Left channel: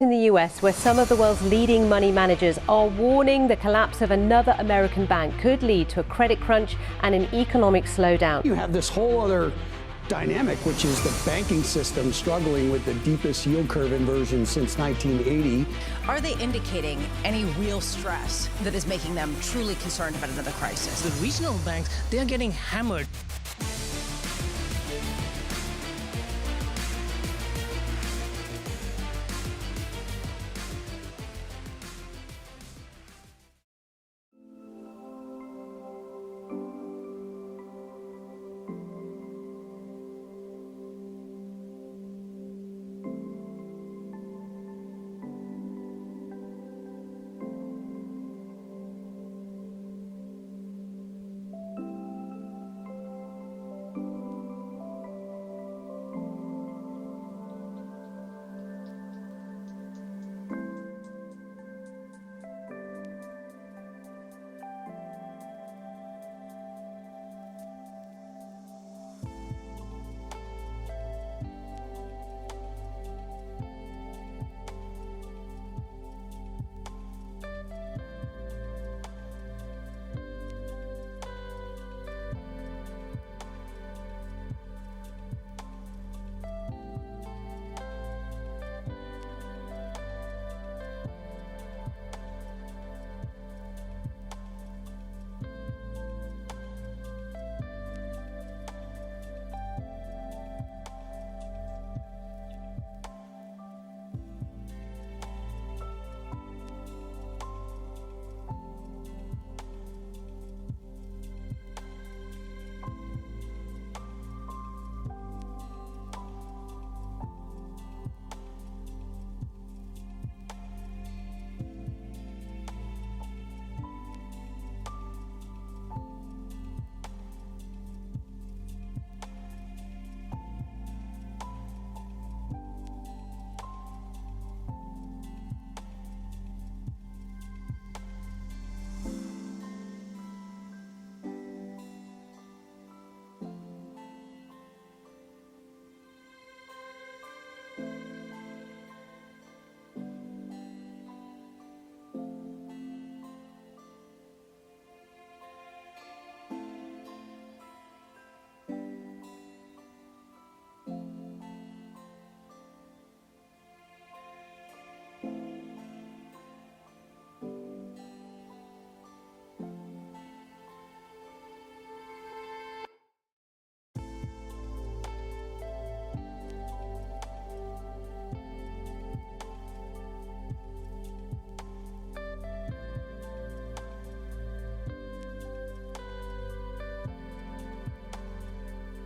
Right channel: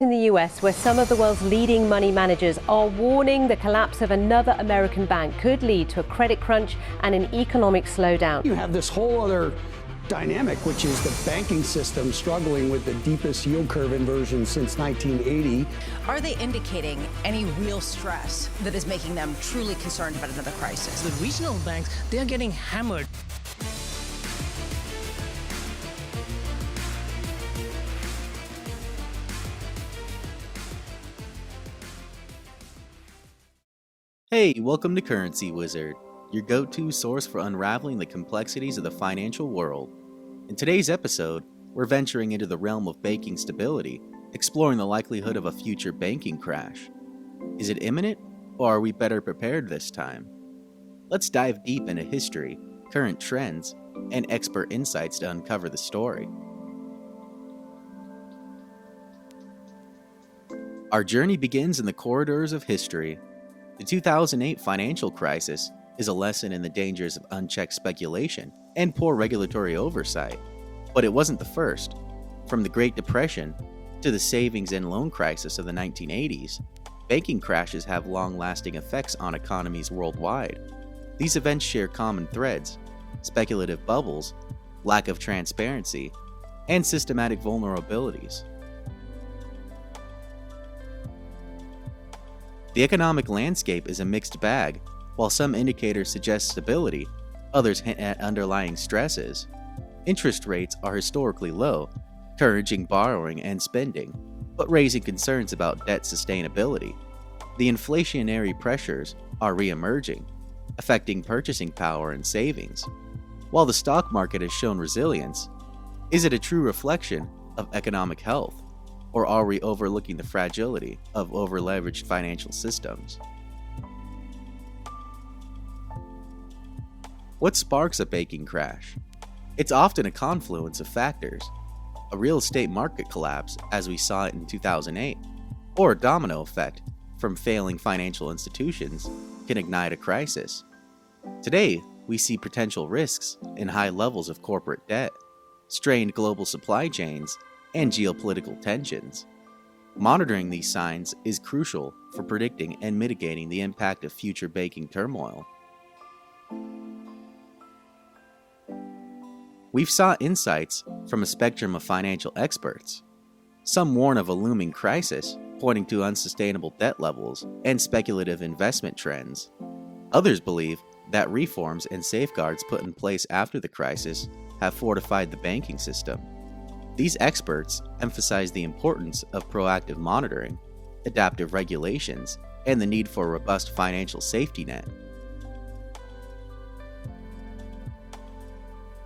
In the US, where some of the world's leading money managers are warning the collapse of another American bank could lead to a credit crunch and an economic slowdown. You have this whole other dynamic, which is the banking system struggling with the deepest yield curve inversion since 1980. Are they indicating any real stress that is making them truly concerned about another crisis? The regional banks, they are getting hammered. Hey, welcome to Currency Wizard, your go-to source for unraveling the complexities of the financial world. In today's episode, we're venturing into the realm of banking stability, exploring the likelihood of a future banking crash. Is it imminent, or are we better prepared this time? Let's dive deep into history, current trends, and expert insights to uncover the story. Our journey begins in the corridors of history. The 2008 financial crisis is a lesson in the dangers of unchecked speculation and poor regulatory oversight. But it wasn't the first. From the Great Depression to the savings and loan crisis of the 1980s, banking crashes have long-lasting effects on economies worldwide. These events share common threads: speculative bubbles, lack of transparency, and systematic vulnerabilities. The economic landscape is a mixed bag. While some indicators suggest stability, others hint at underlying stresses. Interest rates are historically low, encouraging borrowing and spending, but raising concerns about debt sustainability. The inflationary pressures are re-emerging, affecting purchasing power and savings. While the stock market has shown resilience, is it a true reflection of economic health? Or are we overlooking the fragility of over-leveraged financial systems? What sparks a banking crash? It's often a confluence of factors. A real estate market collapse, as we saw it in 2008, or a domino effect from failing financial institutions can ignite a crisis. Today, we see potential risks in high levels of corporate debt, strained global supply chains, and geopolitical tensions. Monitoring these signs is crucial for predicting and mitigating the impact of future banking turmoil. We've sought insights from a spectrum of financial experts. Some warn of a looming crisis, pointing to unsustainable debt levels and speculative investment trends. Others believe that reforms and safeguards put in place after the crisis have fortified the banking system. These experts emphasize the importance of proactive monitoring, adaptive regulations, and the need for a robust financial safety net.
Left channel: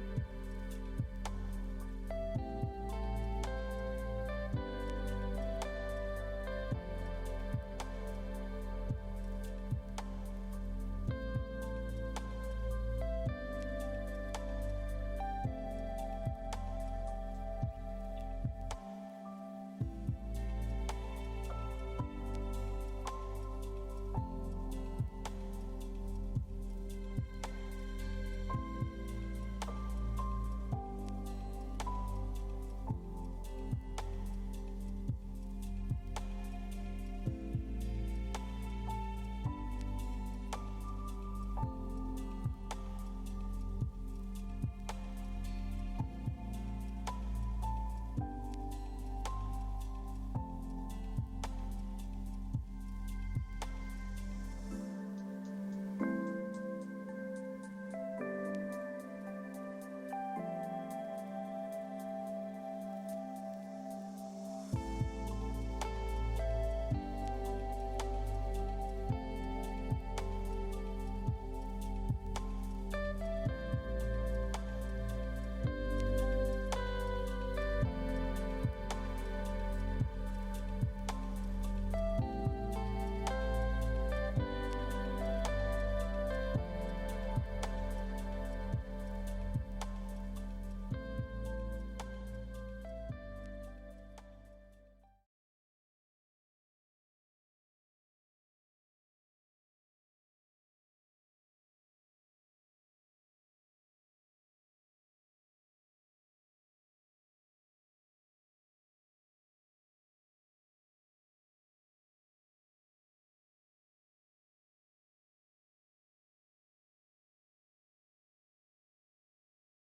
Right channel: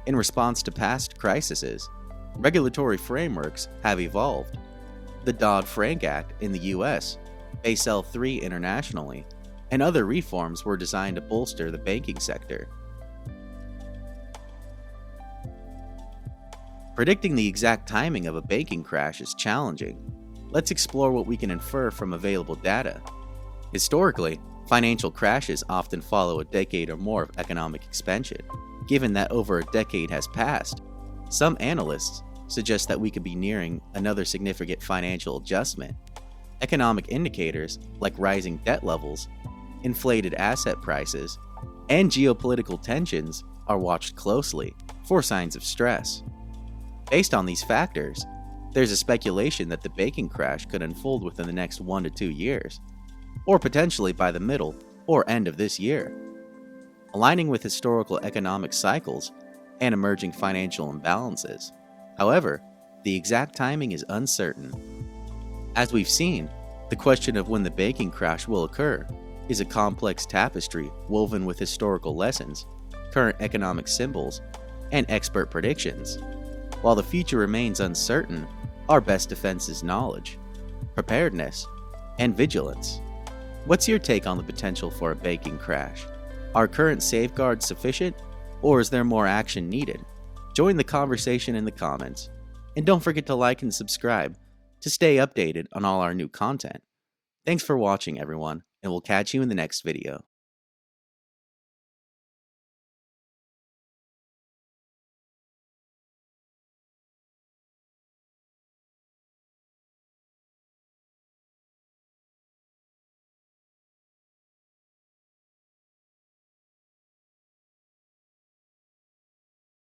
In response to past crises, regulatory frameworks have evolved. The Dodd-Frank Act in the US, Basel III internationally, and other reforms were designed to bolster the banking sector. Predicting the exact timing of a banking crash is challenging. Let's explore what we can infer from available data. Historically, financial crashes often follow a decade or more of economic expansion. Given that over a decade has passed, some analysts suggest that we could be nearing another significant financial adjustment. Economic indicators like rising debt levels, inflated asset prices, and geopolitical tensions are watched closely for signs of stress. Based on these factors, there's a speculation that the banking crash could unfold within the next 1 to 2 years, or potentially by the middle or end of this year. Aligning with historical economic cycles and emerging financial imbalances. However, the exact timing is uncertain. As we've seen, the question of when the banking crash will occur is a complex tapestry woven with historical lessons, current economic symbols, and expert predictions. While the future remains uncertain, our best defense is knowledge, preparedness, and vigilance. What's your take on the potential for a banking crash? Are current safeguards sufficient, or is there more action needed? Join the conversation in the comments, and don't forget to like and subscribe to stay updated on all our new content. Thanks for watching, everyone, and we'll catch you in the next video.